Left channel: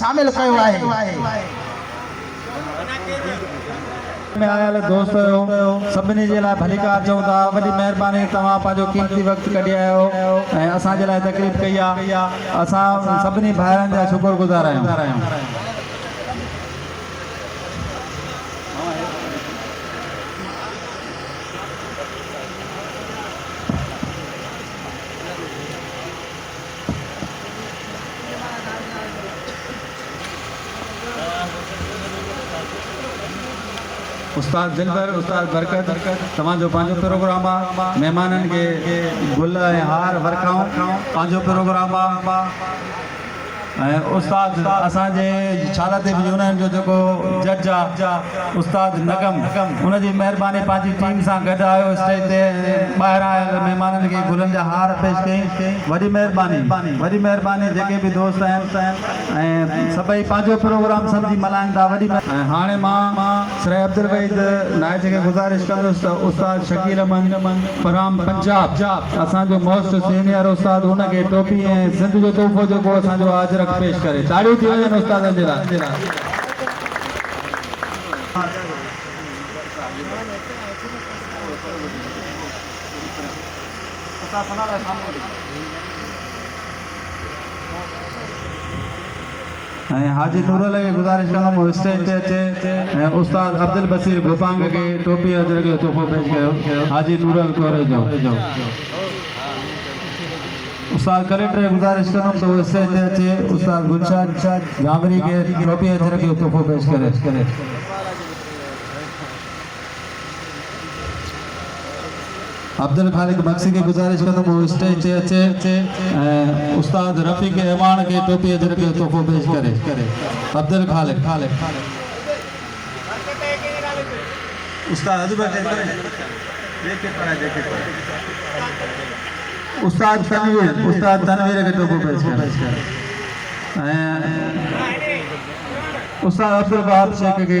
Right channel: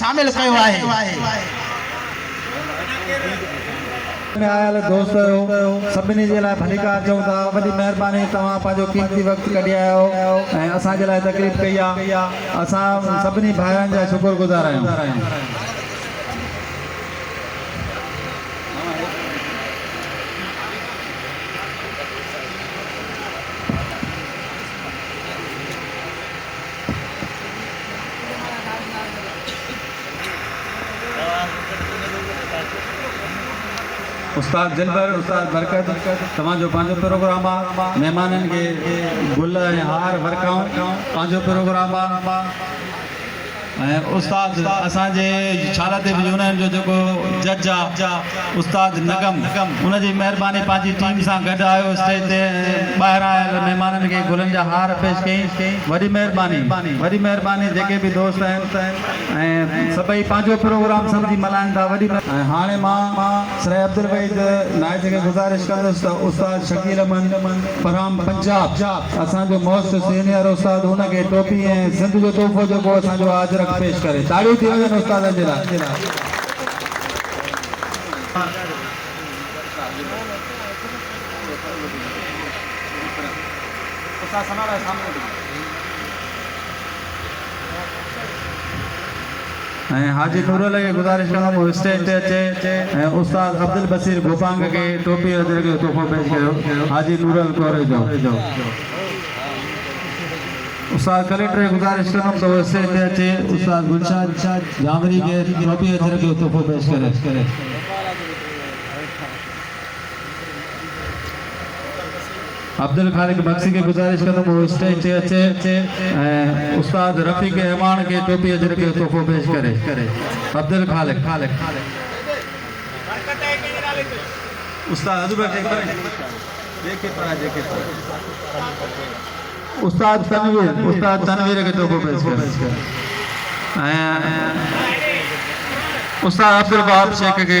शामिल कयो आहे। में आयल दोस्त सभिनी जे लाइ भलीकार चऊं था। वॾी महिरबानी तव्हां पंहिंजो कीमती वक़्तु कढी आयो ऐं असांजे लाइ तकलीफ़ कई आहे। असां सभिनी भाइरनि जा शुक्रगुज़ार आहियूं। उस्ताद दिलबर, उस्ताद बरकत, तव्हांजो पंहिंजो प्रोग्राम आहे। महिमाननि खे गुल ऐं हार वर्खाऊं पंहिंजो प्रोग्राम आहे। ऐं उस्ताद असांजे छाला ते बि उन्हनि जो जेको जज आहे उस्ताद नगम, उनजी महिरबानी पंहिंजी टीम सां गॾु आयो स्टेज ते। ॿाहिरां आयल महिमाननि खे गुलनि जा हार पेश कई। वॾी महिरबानी जेके बि दोस्त आहिनि ऐं सभई पंहिंजो प्रोग्राम सम्झी मल्हाइनि था। वॾी ऐं हाणे मां सर अब्दुल वहीद नायत खे गुज़ारिश कंदुसि त उस्ताद शकील अहमद फराम पंजाब असांजो मोस्ट सीनियर उस्ताद हुनखे टोपी ऐं सिंध जो तोहफ़ो जेको असांजो आज पेश करे। ताड़ियूं थी वञनि उस्तादनि जे लाइ। ऐं हाजी नूरल खे गुज़ारिश कंदुमि स्टेज ते अचे ऐं उस्ताद अब्दुल बसीर गोपांग खे टोपी अजर जो तोहफ़ो पेश कयो। हाजी नूरल कोरे जो उस्ताद कलेक्टर गुज़ारिश कंदुमि त वो स्टेज ते अचे। उस्ताद गुलशाद जामरी के टोपी अजर जो तोहफ़ो पेश करे। अब्दुल खालिक बख्शी के गुज़ारिश कंदुमि वो स्टेज ते अचे ऐं उस्ताद रफ़ीक अहमान के टोपी अजर जो तोहफ़ो पेश करे। अब्दुल खालिक उस्ताद उस्ताद तनवीर के तोहफ़ो पेश करे। उस्ताद अब्दुल वहाब शेख के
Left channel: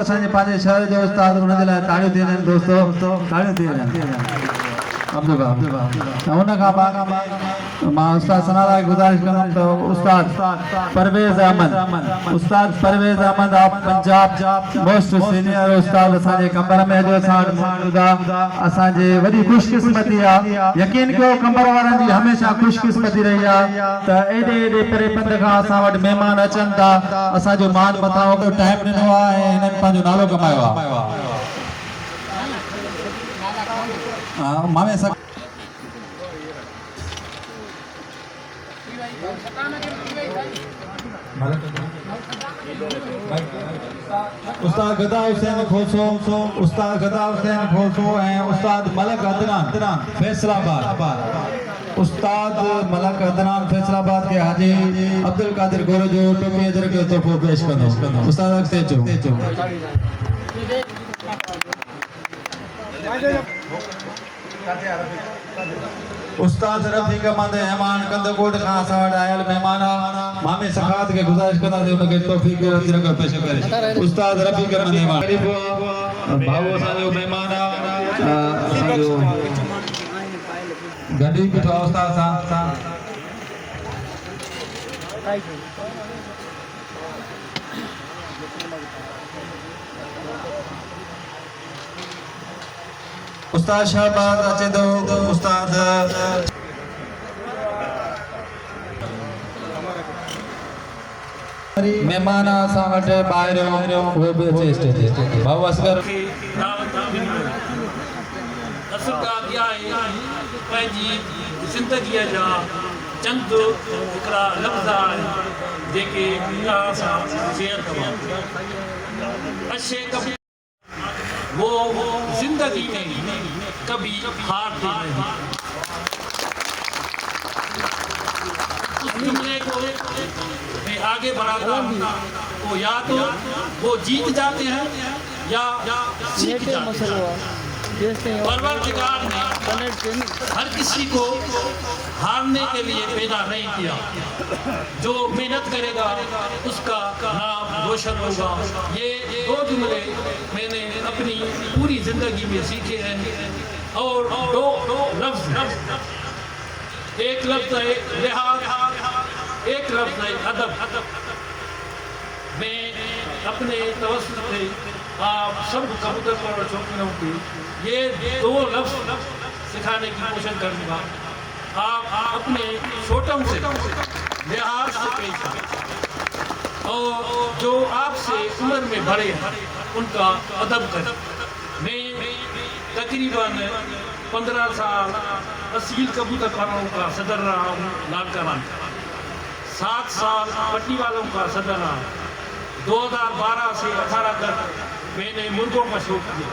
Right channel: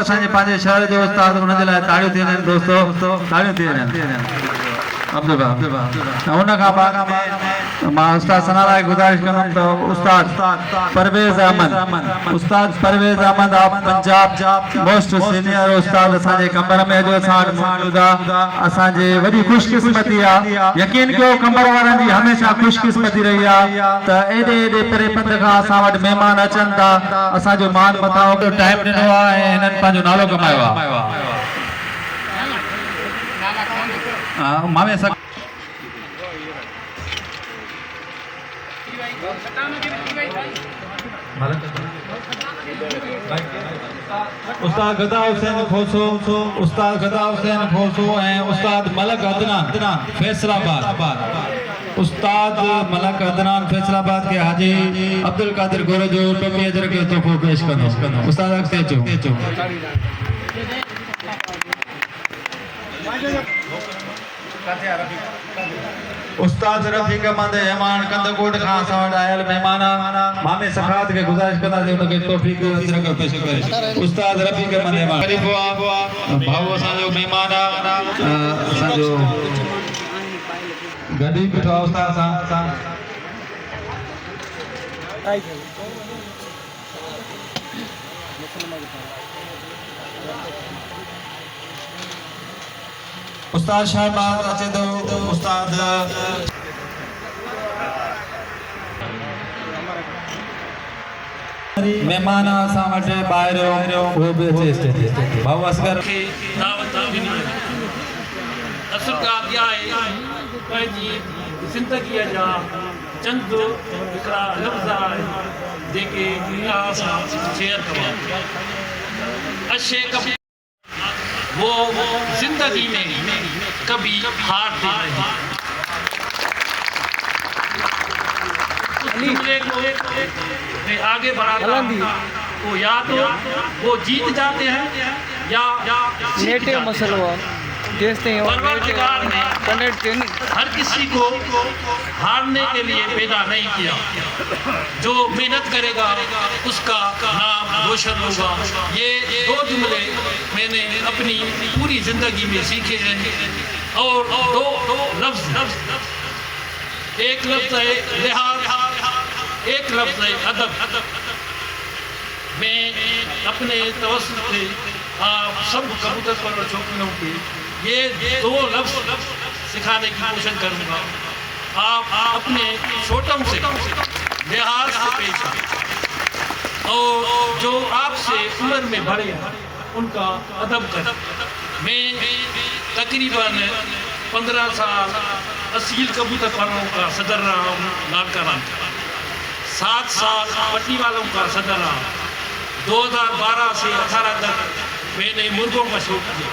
असांजे पंहिंजे शहर जो उस्ताद, उनजे लाइ ताड़ियूं थी वञनि दोस्तो, ताड़ियूं थी वञनि। अब्दुल वहाब उन खां बाद मां उस्ताद सनारा खे गुज़ारिश कंदुमि त उस्ताद Parvez Ahmed of Punjab most senior उस्ताद असांजे कमर में अॼु असां वटि मौजूद आहे। असांजे वॾी ख़ुशकिस्मती आहे। यकीन कयो कमर वारनि जी हमेशह ख़ुशकिस्मती रही आहे त एॾे परे पंध खां असां वटि महिमान अचनि था। असांजो मान मथां टाइम ॾिनो आहे ऐं हिननि पंहिंजो नालो कमायो आहे। मामे सक उस्ताद गदा हुसैन खोसो ऐं उस्ताद मलक अदनान फैसलाबाद। उस्ताद मलक अदनान फैसलाबाद के हाजी अब्दुल कादिर गोरे जो टोपी अजर के तोहफ़ो पेश कंदो। उस्ताद अॻिते अचो। उस्ताद रफ़ीक अहमद अहमान कंदकोट खां असां वटि आयल महिमान मामे सखात खे गुज़ारिश कंदासीं उनखे टोपी अजर पेश करे। उस्ताद रफ़ीक अहमद भाऊ असांजो महिमान आहे। असांजो गॾी बीठो आहे उस्ताद सां। उस्ताद शाहबाज अचे तो उस्ताद मेहमान असां वटि ॿाहिरि उहो बि अचे स्टेज। भाऊ असगर ज़िंदगीअ जा चंद हिकिड़ा लफ़्ज़ आहिनि जेके शेयर करिया। वो जिंदगी में कभी हारते नहीं। आगे बढ़ा वो या तो वो जीत जाते हैं या नेटिव मसलो जैसे परवरदिगार ने हर किसी को हारने के लिए पैदा नहीं किया। जो मेहनत करेगा उसका नाम रोशन होगा। ये दो जुमले मैंने अपनी पूरी जिंदगी में सीखे हैं। और दो लफ्ज़, एक लफ्ज़ है लिहाज एक लफ्ज़ है अदब। मैं अपने तवज्जुह से आप सब कबूतर पर शौकीनों के ये दो लफ्ज़ सिखाने की कोशिश करूँगा। आप अपने छोटों से लिहाज से पेश आए और जो आपसे उम्र में बड़े हैं उनका अदब करें। मैं तकरीबन 15 साल असील कबूतर परवरों का सदर रहा हूँ लालकाना में, 7 साल पट्टी वालों का सदर रहा। 2012 से 18 तक मैंने मुर्गों का शौक किया।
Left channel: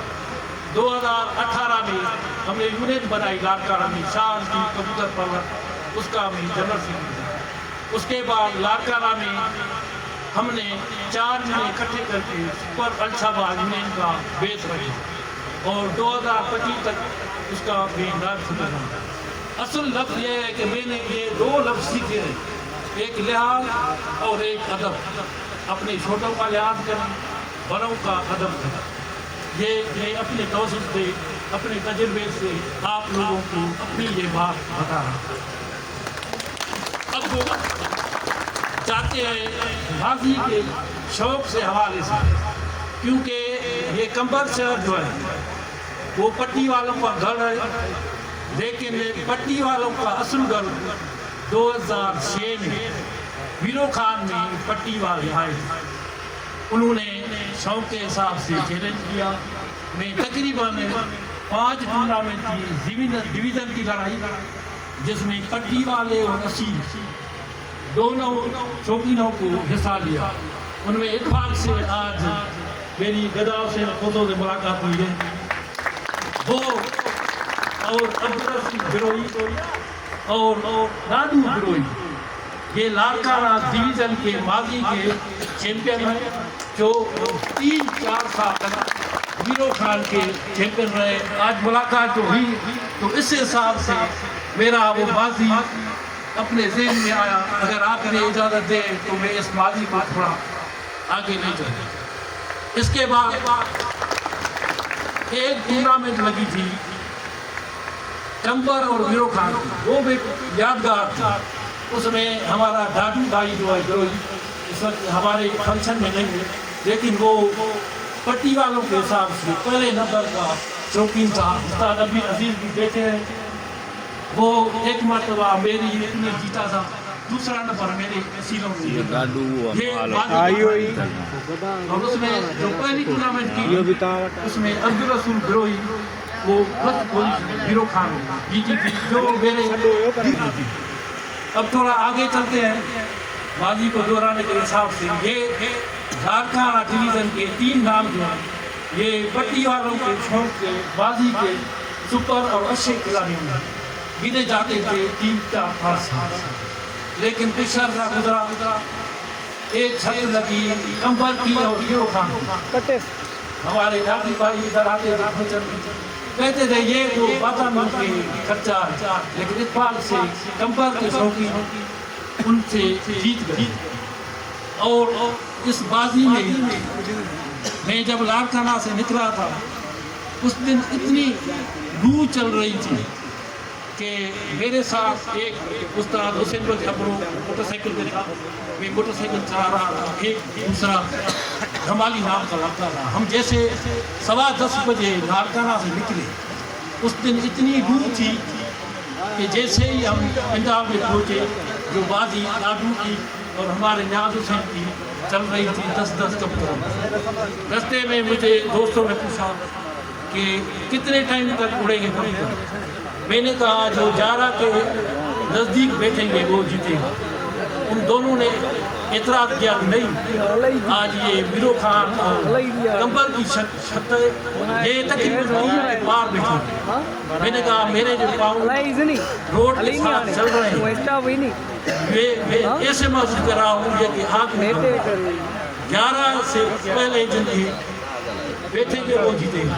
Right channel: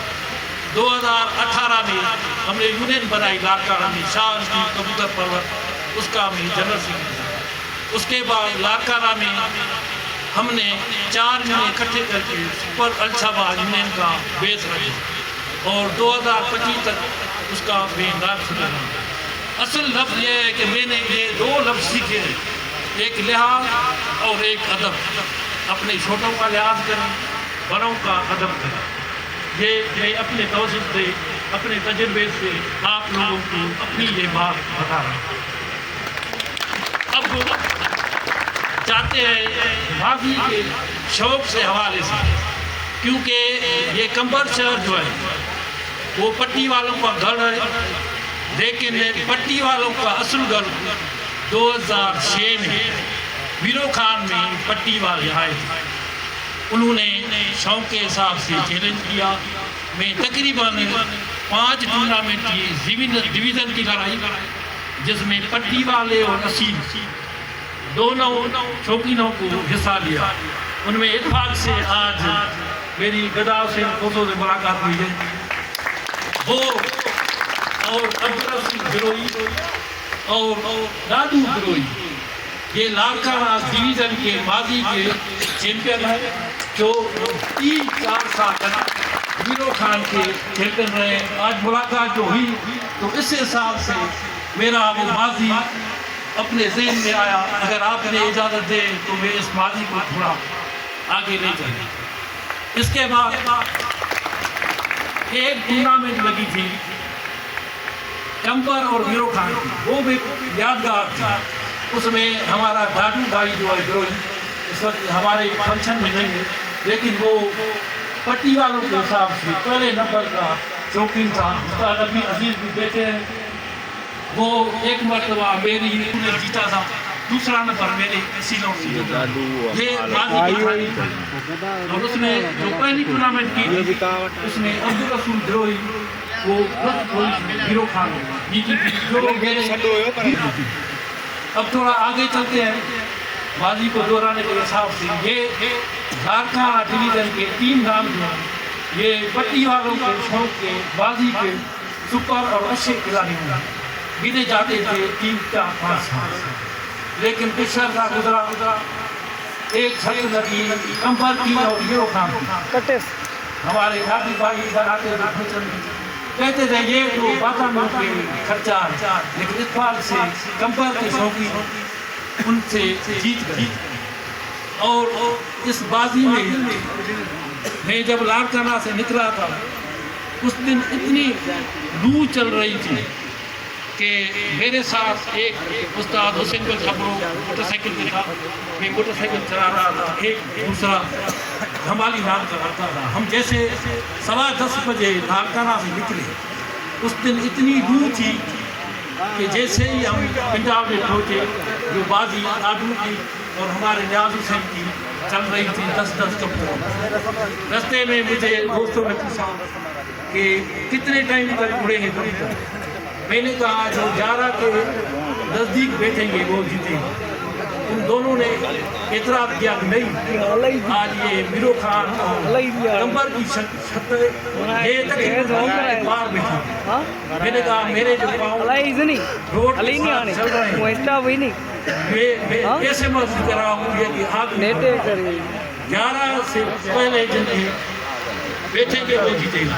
2018 में हमने यूनियन बनाई लालकाना में, शाह की कबूतर परवर, उसका मैं जनरल सेक्रेटरी। उसके बाद लालकाना में हमने 4 यूनियन इकट्ठे करके सुपर अल्शाबाद यूनियन का बेस रखा और 2025 तक उसका बेदार खुला रहा। असल लफ्ज़ ये है कि मैंने ये 2 लफ्ज़ सीखे हैं, एक लिहाज और एक अदब। अपने छोटों का लिहाज करें, बड़ों का अदब करें। ये मैं अपने तवज्जुह से, अपने तजुर्बे से आप लोगों को अपनी ये बात बता रहा हूँ। अब चाहते हैं बागी के शौक से हवाले से, क्योंकि ये कंबर शहर जो है वो पट्टी वालों का घर है, लेकिन पट्टी वालों का असल घर 2006 में वीरो खान में पट्टी वाले आए थे। उन्होंने शौक के हिसाब से चैलेंज किया। मैं तकरीबन 5 टूर्नामेंट की डिवीज़न की लड़ाई, जिसमें पट्टी वाले और असील दोनों शौकीनों को हिस्सा लिया। उनमें इत्तेफाक से आज मेरी गदा से फोटो से मुलाकात हुई है। वो और अब्दुल सिंह गिरोही और राजू गिरोही ये लालकाना डिवीज़न के माजी के चैंपियन हैं, जो 3-4 साल वीरो खान के चैंपियन रहे। आज मुलाकात जो हुई तो इस हिसाब से मेरा वो माजी अपने ज़हन में आया। अगर आपने इजाज़त दे तो मैं इस माजी को थोड़ा आगे ले जाए। इसके बाद एक टूर्नामेंट लगी थी कंबर और वीरो खान की, वो भी यादगार थी। उसमें हमारा दादी भाई जो है गिरोही इस वक्त हमारे फंक्शन में नहीं है, लेकिन वो पट्टी वालों के हिसाब से पहले नंबर का शौकीन था। उस्ताद अभी अजीज भी देखे हैं, वो एक मरतबा मेरी ने जीता था, दूसरा नंबर मेरे सीलों में जीता। ये और उसमें जो पहली टूर्नामेंट की उसमें अब्दुल रसूल गिरोही वो वीरो खान जीती थी, जो मेरे। अब थोड़ा आगे चलते हैं बाजी को दोहराने के हिसाब से। ये लालकाना डिवीज़न के 3 नाम जो हैं ये पट्टी वालों के शौक के बाजी के सुपर और अच्छे खिलाड़ी हैं, गिने जाते थे 3-4-5 साल। लेकिन पिछला साल गुजरा, एक छत लगी कंबर की और वीरो खान की। हमारे दादी भाई इधर आते थे, कहते थे ये तो बाबा में के खर्चा, लेकिन इस बार से कंबर के शौकीन उनसे जीत गए। और इस बाजी में मैं जब लालकाना से निकला था उस दिन इतनी लू चल रही थी कि मेरे साथ एक उस्ताद हुसैन बल खबरों मोटरसाइकिल पे था, मैं मोटरसाइकिल चला रहा था, एक दूसरा हमारी नाम का लड़का था। हम जैसे 10:15 बजे लालकाना से निकले, उस दिन इतनी लू थी कि जैसे ही हम पंजाब में पहुँचे, जो बाजी आदमी की और हमारे न्याज हुसैन की चल रही थी 10-10 कब। रास्ते में मुझे दोस्तों ने पूछा कि कितने टाइम तक उड़ेंगे तुम। मैंने कहा जो 11 के नज़दीक बैठेंगे वो जीतेंगे। उन दोनों ने एतराज़ किया नहीं, आज ये वीरो खान और कंबर की शर्त ये पार बैठे। मैंने कहा मेरे जो पाँव रोड चल रहे हैं ऐसे महसूस कर रहा हूँ कि आप 11 से पहले जिनके बैठेंगे वो जीतेगा।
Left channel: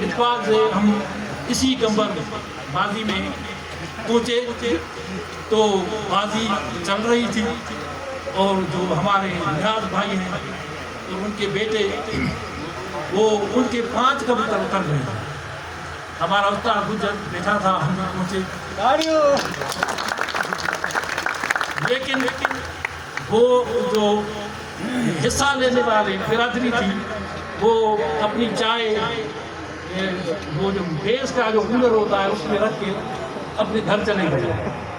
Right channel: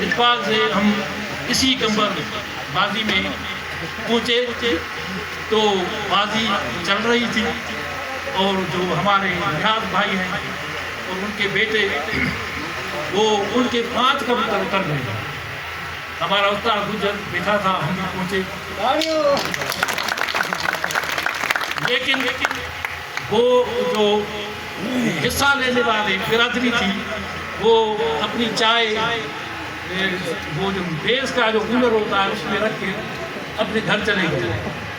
इस बात से हम इसी कंबर में बाजी में पहुँचे तो बाजी चल रही थी और जो हमारे निहाद भाई हैं और उनके बेटे वो उनके 5 कबूतर उतर गए। हमारा उस्ताद गुजर बैठा था, हम भी पहुँचे। लेकिन वो जो हिस्सा लेने वाली बिरादरी थी वो अपनी चाय वो बेस का जो कूलर होता है उसमें रख के अपने घर चले गए।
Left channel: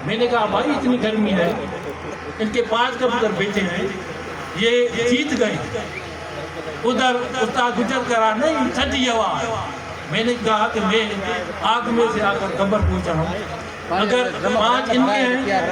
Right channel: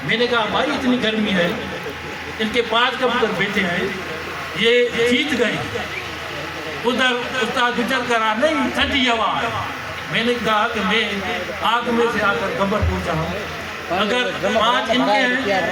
मैंने कहा भाई इतनी गर्मी है, इनके 5 कबूतर बैठे हैं, ये जीत गए। उधर उस्ताद गुजर करा नहीं ठंडी हवा है। मैंने कहा कि मैं आग में से आकर कब्र पहुंचा हूँ, अगर 5 इनके हैं